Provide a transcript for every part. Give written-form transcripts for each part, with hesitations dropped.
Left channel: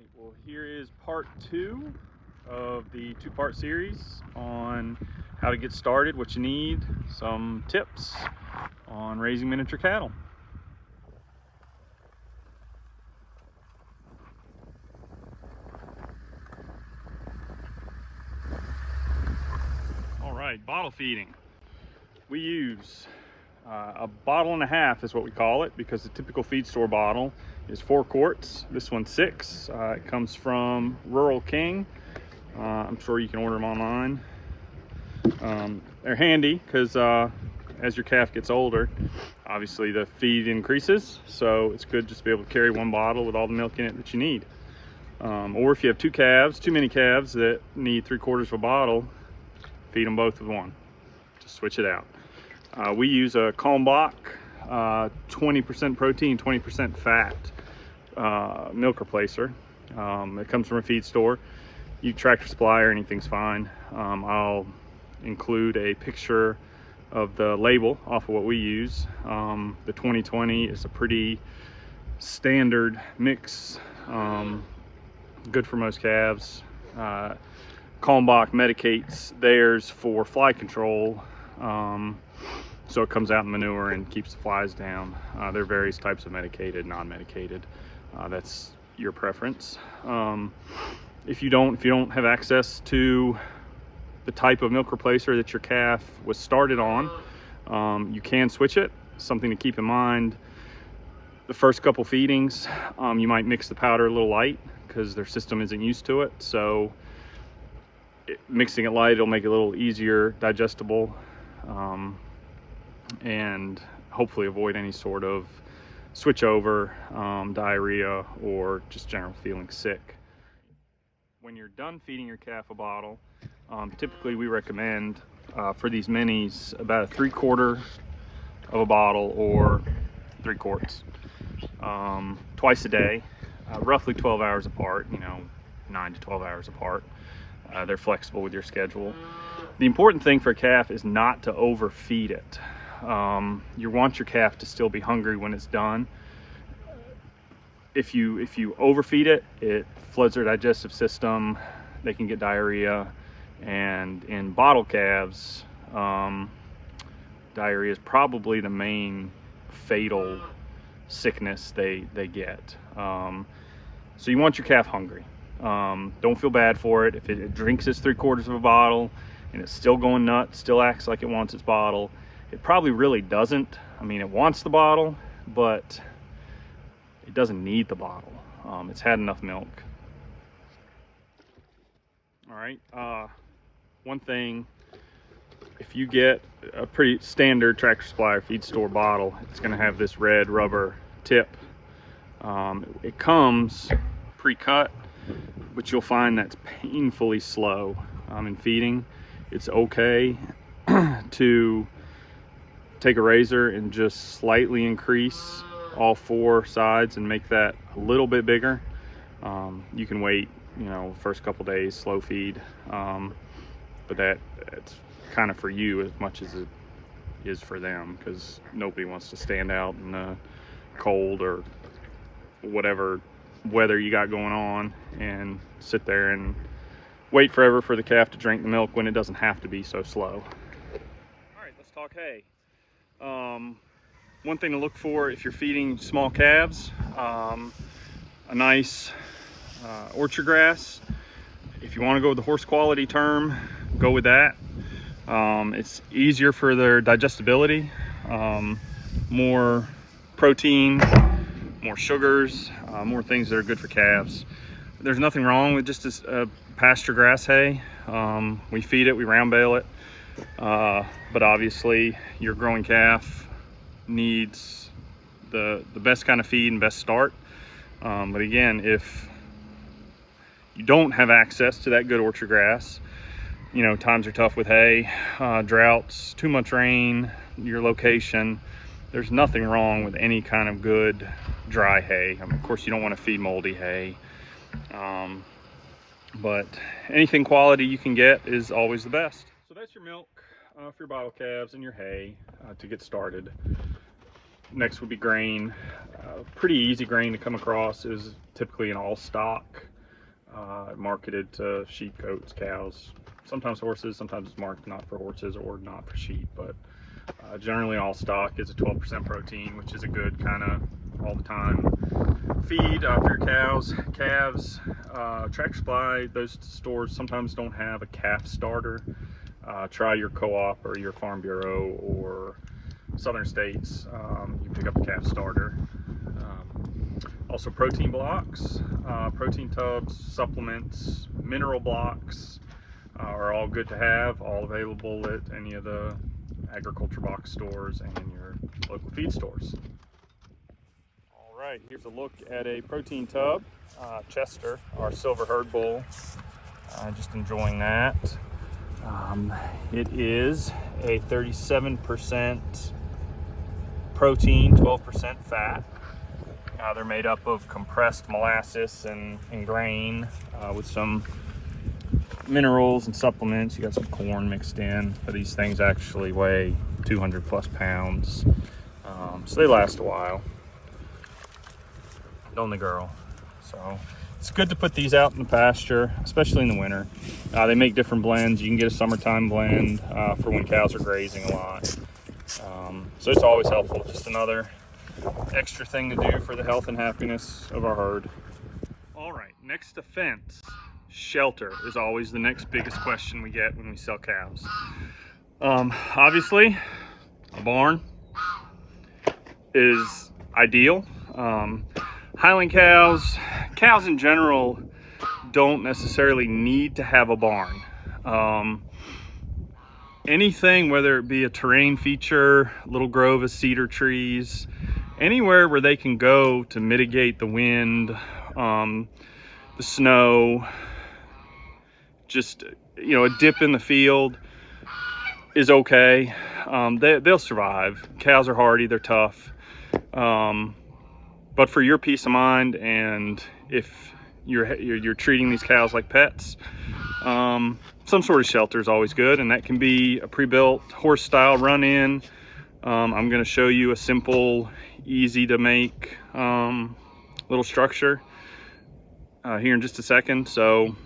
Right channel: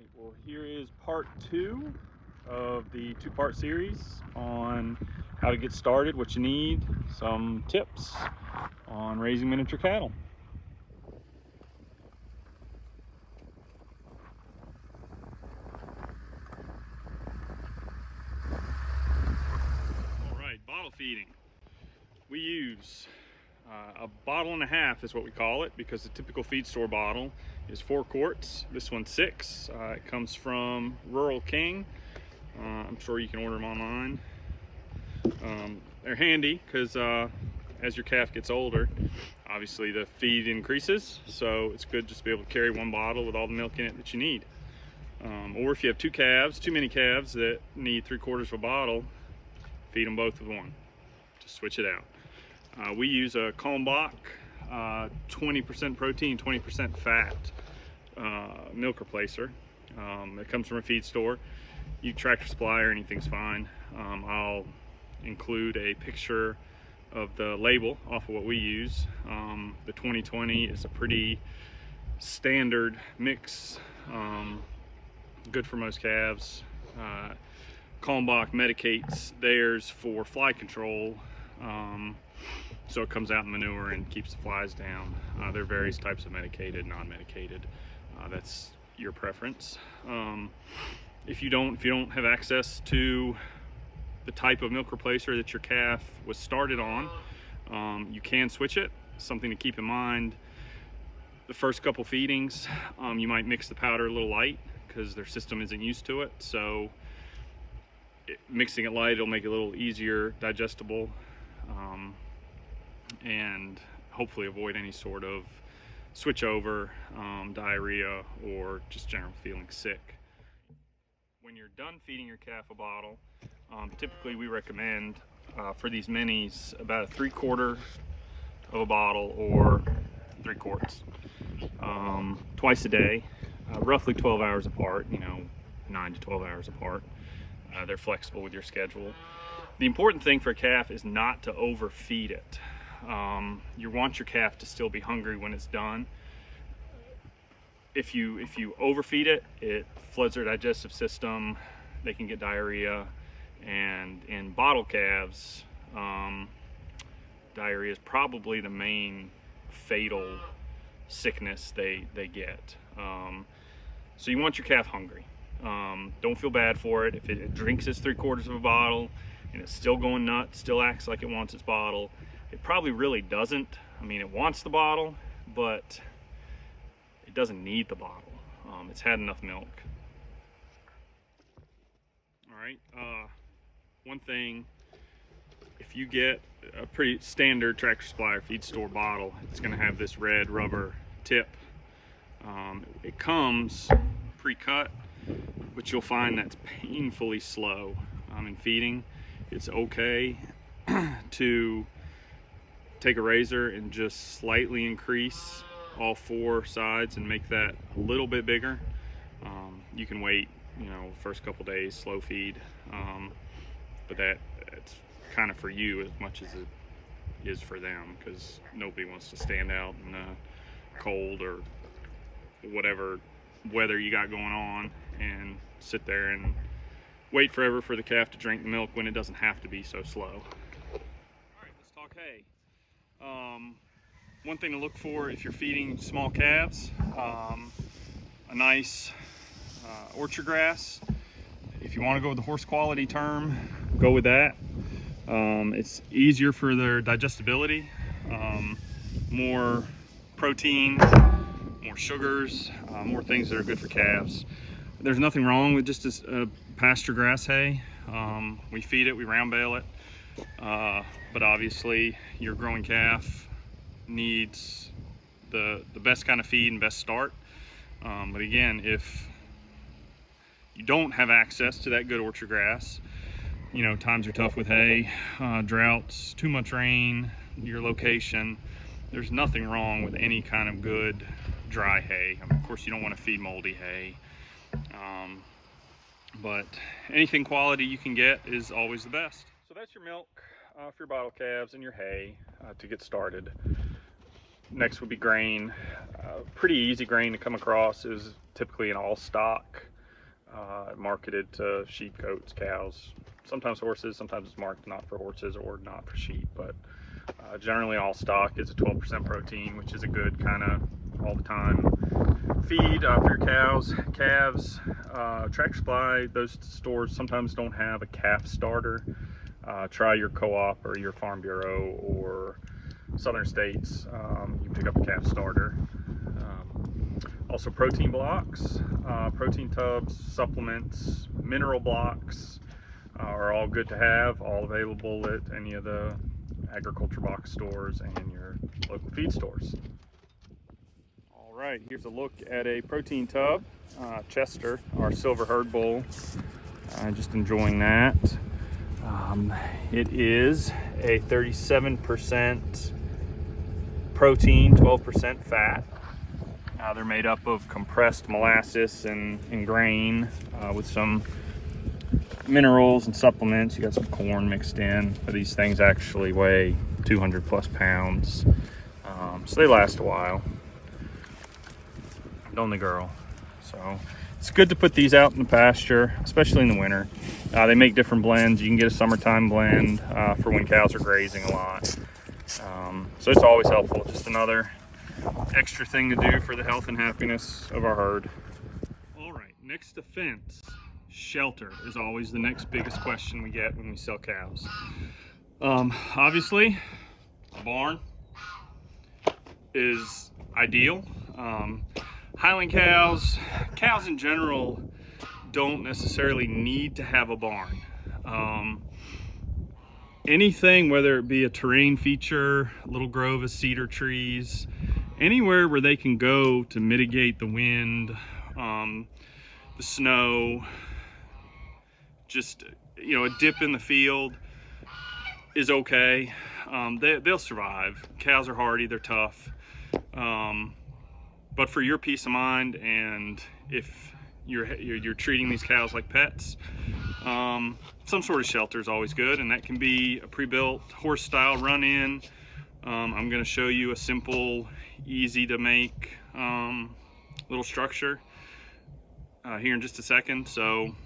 right, well, here is part 2 of the 2-part series on how to get started, what you need, some tips on raising miniature cattle. All right, bottle feeding. We use a 1.5 bottles is what we call it, because the typical feed store bottle is 4 quarts. This one's 6. It comes from Rural King. I'm sure you can order them online. They're handy because as your calf gets older, obviously the feed increases, so it's good just to be able to carry 1 bottle with all the milk in it that you need. Or if you have too many calves that need 3/4 of a bottle, feed them both with 1. Just switch it out. We use a Kalmbach 20% protein, 20% fat milk replacer. It comes from a feed store. You Tractor Supply or anything's fine. I'll include a picture of the label off of what we use. The 2020 is a pretty standard mix, good for most calves. Kalmbach medicates theirs for fly control, so it comes out in manure and keeps the flies down. There are various types of medicated, non-medicated. That's your preference. If you don't have access to the type of milk replacer that your calf was started on, you can switch it. Something to keep in mind: the first couple feedings, you might mix the powder a little light because their system isn't used to it. So mixing it light, it'll make it a little easier digestible, and hopefully avoid any sort of switch over, diarrhea, or just general feeling sick. When you're done feeding your calf a bottle, typically we recommend for these minis about 3/4 of a bottle or 3 quarts, twice a day, roughly 12 hours apart, 9 to 12 hours apart. They're flexible with your schedule. The important thing for a calf is not to overfeed it. You want your calf to still be hungry when it's done. If you overfeed it, it floods their digestive system. They can get diarrhea, and in bottle calves, diarrhea is probably the main fatal sickness they get. So you want your calf hungry. Don't feel bad for it if it drinks its 3/4 of a bottle and it's still going nuts, still acts like it wants its bottle. It probably really doesn't. I mean, it wants the bottle, but it doesn't need the bottle. It's had enough milk. All right, one thing, if you get a pretty standard Tractor Supply or feed store bottle, it's gonna have this red rubber tip. It comes pre-cut, but you'll find that's painfully slow in feeding. It's okay to take a razor and just slightly increase all 4 sides and make that a little bit bigger. You can wait, first couple days, slow feed, but that's kind of for you as much as it is for them, because nobody wants to stand out in the cold or whatever weather you got going on and sit there and wait forever for the calf to drink the milk when it doesn't have to be so slow. All right, let's talk hay. One thing to look for if you're feeding small calves, a nice orchard grass. If you want to go with the horse quality term, go with that. It's easier for their digestibility, more protein, more sugars, more things that are good for calves. There's nothing wrong with just a pasture grass hay. We feed it, we round bale it, but obviously your growing calf needs the best kind of feed and best start. But again, if you don't have access to that good orchard grass, times are tough with hay, droughts, too much rain, your location, there's nothing wrong with any kind of good dry hay. I mean, of course you don't want to feed moldy hay, but anything quality you can get is always the best. So that's your milk for your bottle calves and your hay to get started. Next would be grain. Pretty easy grain to come across is typically an all stock marketed to sheep, goats, cows, sometimes horses. Sometimes it's marked not for horses or not for sheep, but generally all stock is a 12% protein, which is a good kind of all the time feed for your cows. Calves, Tractor Supply, those stores sometimes don't have a calf starter. Try your co-op or your Farm Bureau or Southern States. You can pick up a calf starter. Also protein blocks, protein tubs, supplements, mineral blocks are all good to have, all available at any of the agriculture box stores and your local feed stores. All right, here's a look at a protein tub, Chester, our silver herd bull. Just enjoying that. It is a 37% protein, 12% fat. They're made up of compressed molasses and grain with some minerals and supplements. You got some corn mixed in, but these things actually weigh 200 plus pounds. So they last a while. Don't the girl. So it's good to put these out in the pasture, especially in the winter. They make different blends. You can get a summertime blend for when cows are grazing a lot. So it's always helpful. Just another extra thing to do for the health and happiness of our herd. All right, next to fence, shelter is always the next biggest question we get when we sell cows. Obviously, a barn is ideal. Highland cows in general don't necessarily need to have a barn. Anything, whether it be a terrain feature, little grove of cedar trees, anywhere where they can go to mitigate the wind, the snow, just, you know, a dip in the field is okay. They'll survive. Cows are hardy, they're tough. But for your peace of mind, and if you're treating these cows like pets, some sort of shelter is always good, and that can be a pre-built horse style run-in. I'm going to show you a simple, easy to make little structure here in just a second. So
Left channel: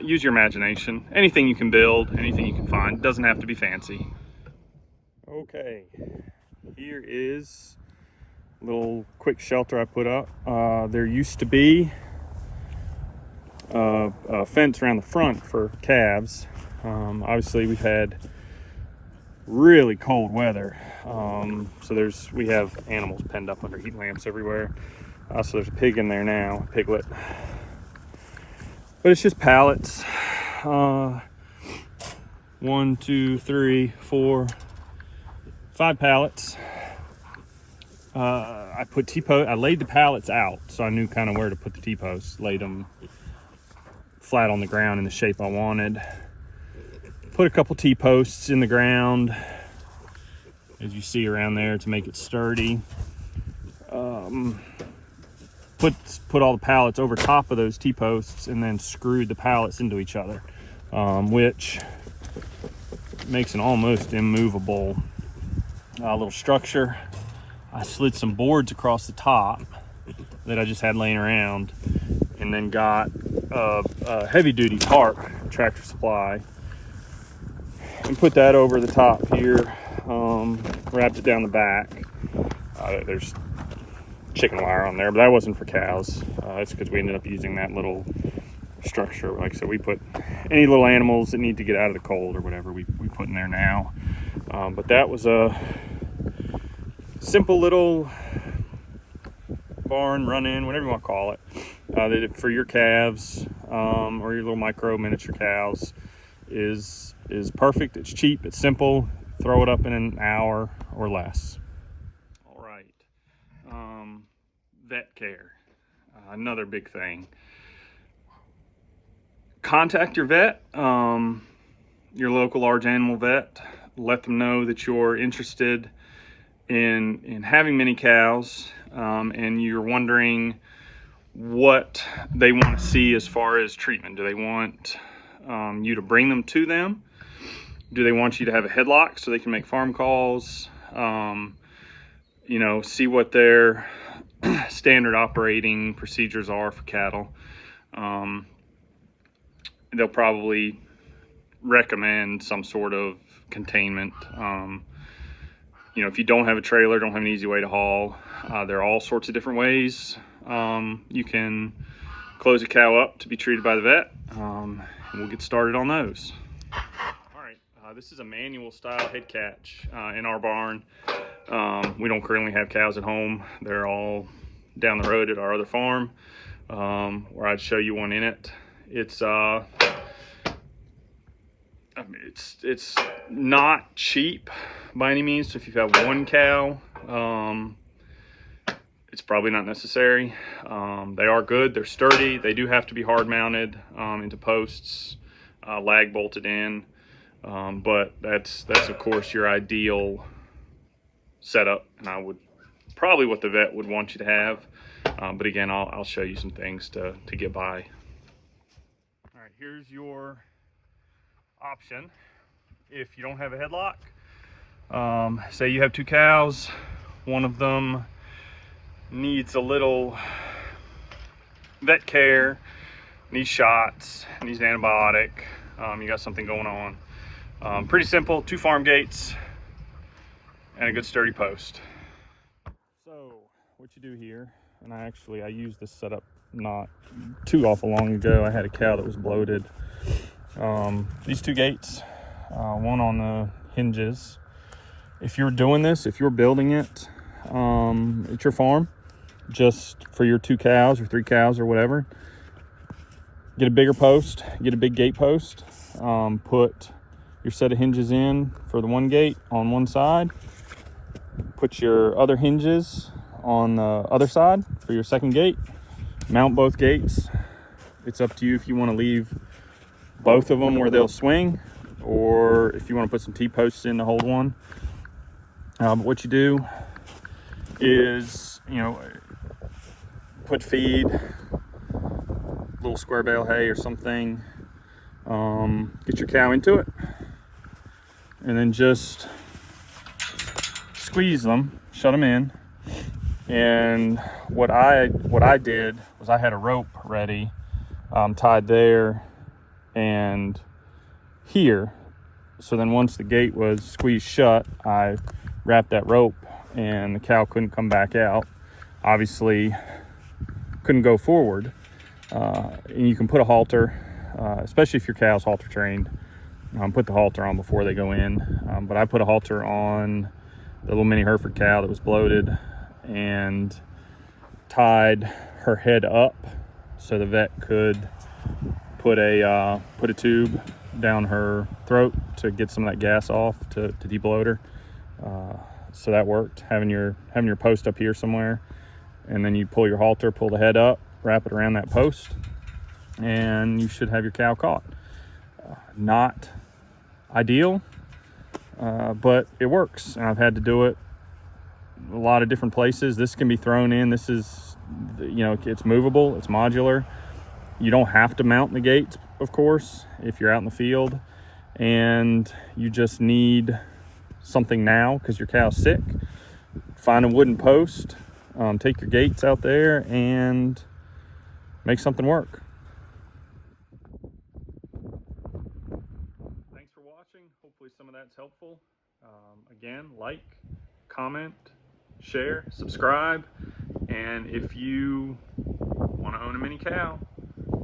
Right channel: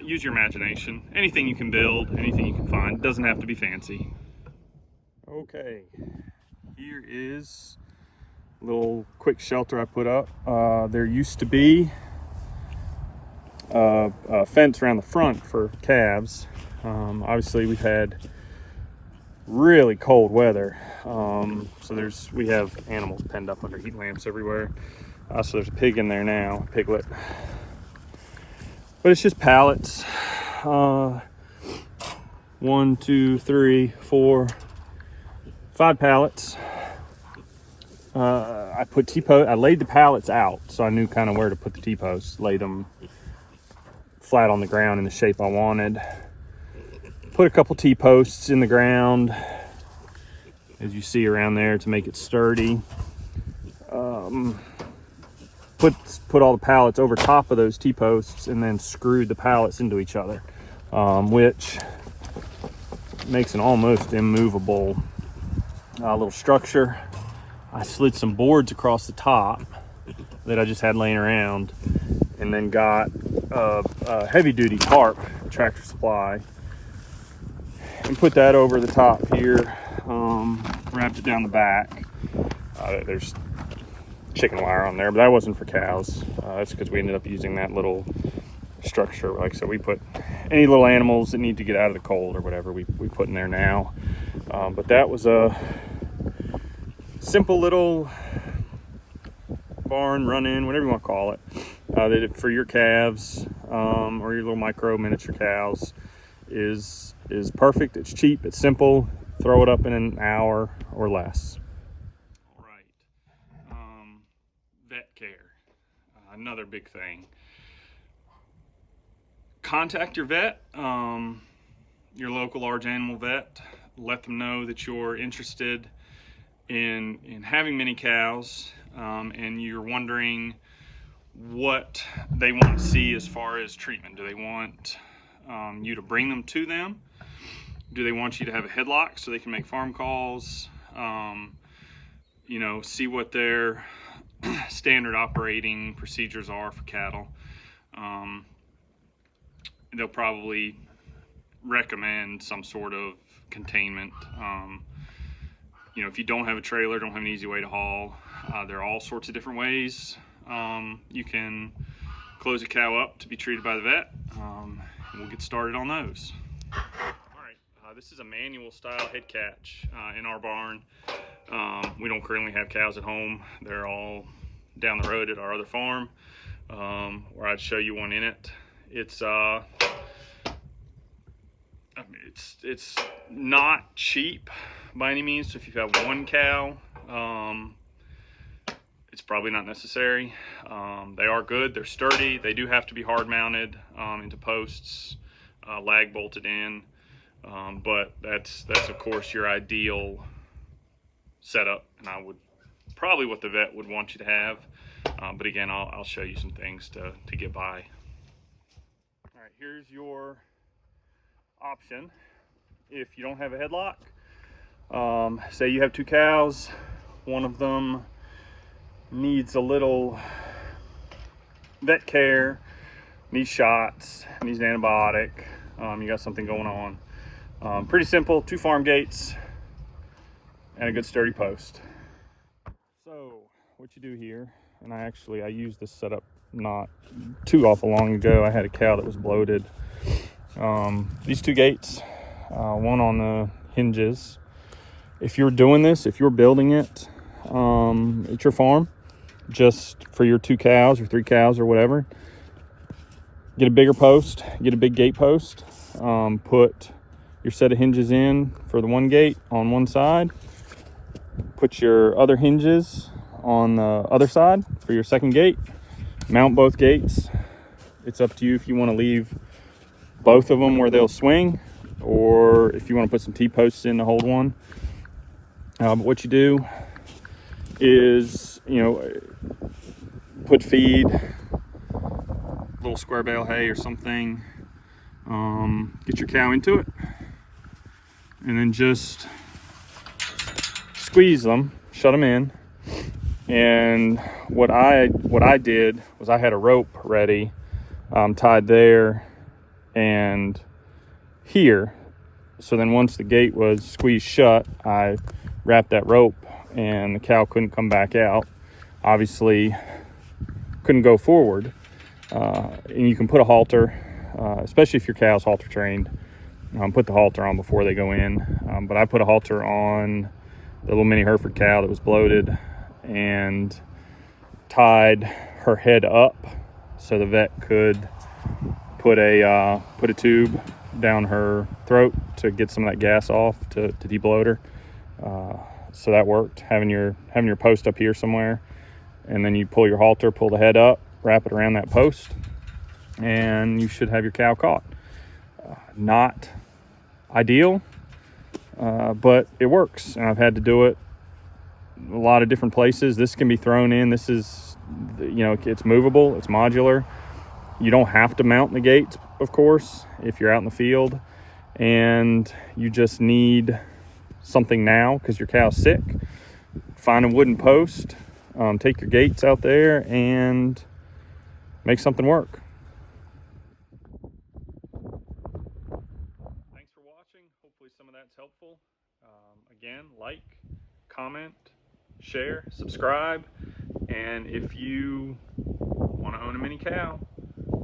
use your imagination. Anything you can build, anything you can find, doesn't have to be fancy. Okay, here is a little quick shelter I put up. There used to be a fence around the front for calves. Obviously we've had really cold weather, so we have animals penned up under heat lamps everywhere. So there's a pig in there now, a piglet, but it's just pallets. 1, 2, 3, 4, 5 pallets. I put T-post. I laid the pallets out so I knew kind of where to put the T-posts. Laid them flat on the ground in the shape I wanted. Put a couple T-posts in the ground, as you see around there, to make it sturdy. Put all the pallets over top of those T-posts and then screwed the pallets into each other, which makes an almost immovable little structure. I slid some boards across the top that I just had laying around, and then got a heavy-duty tarp, Tractor Supply, and put that over the top here. Wrapped it down the back. There's chicken wire on there, but that wasn't for cows. That's because we ended up using that little structure. Like, so we put any little animals that need to get out of the cold or whatever, we put in there now. But that was a simple little barn, run-in, whatever you want to call it, that for your calves or your little miniature cows is perfect. It's cheap, it's simple. Throw it up in an hour or less. All right, vet care, another big thing. Contact your vet, your local large animal vet. Let them know that you're interested in having many cows, and you're wondering what they want to see as far as treatment. Do they want you to bring them to them? Do they want you to have a headlock so they can make farm calls? You know, see what their standard operating procedures are for cattle. They'll probably recommend some sort of containment. You know, if you don't have a trailer, don't have an easy way to haul, there are all sorts of different ways you can close a cow up to be treated by the vet, and we'll get started on those. All right, this is a manual style head catch in our barn. We don't currently have cows at home. They're all down the road at our other farm, where I'd show you one in it. It's I mean, it's not cheap by any means. So if you have one cow, it's probably not necessary. They are good, they're sturdy. They do have to be hard mounted into posts, lag bolted in, but that's of course your ideal setup, and I would probably what the vet would want you to have. But again, I'll show you some things to get by. All right, here's your option if you don't have a headlock. Say you have two cows, one of them needs a little vet care, needs shots, needs an antibiotic, you got something going on. Pretty simple, 2 farm gates and a good sturdy post. So what you do here, and I used this setup not too awful long ago. I had a cow that was bloated. These 2 gates, one on the hinges. If you're doing this, if you're building it at your farm, just for your 2 cows or 3 cows or whatever, get a bigger post, get a big gate post, put your set of hinges in for the one gate on one side, put your other hinges on the other side for your second gate, mount both gates. It's up to you if you want to leave both of them where they'll swing, or if you want to put some T-posts in to hold one. But what you do is, you know, put feed, little square bale hay or something, get your cow into it, and then just squeeze them, shut them in. And what I did was I had a rope ready, tied there and here. So then once the gate was squeezed shut, I wrapped that rope and the cow couldn't come back out. Obviously couldn't go forward. And you can put a halter, especially if your cow's halter trained, put the halter on before they go in. But I put a halter on the little mini Hereford cow that was bloated and tied her head up so the vet could put a tube down her throat to get some of that gas off to debloat her. So that worked, having your post up here somewhere, and then you pull your halter, pull the head up, wrap it around that post, and you should have your cow caught. Not ideal, but it works, and I've had to do it a lot of different places. This can be thrown in. This is, you know, it's movable, it's modular. You don't have to mount the gates, of course, if you're out in the field and you just need something now because your cow's sick. Find a wooden post, take your gates out there and make something work. Thanks for watching. Hopefully some of that's helpful. Again, like, comment, share, subscribe, and if you want to own a mini cow,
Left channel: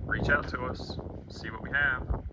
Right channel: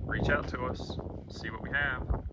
reach out to us, see what we have.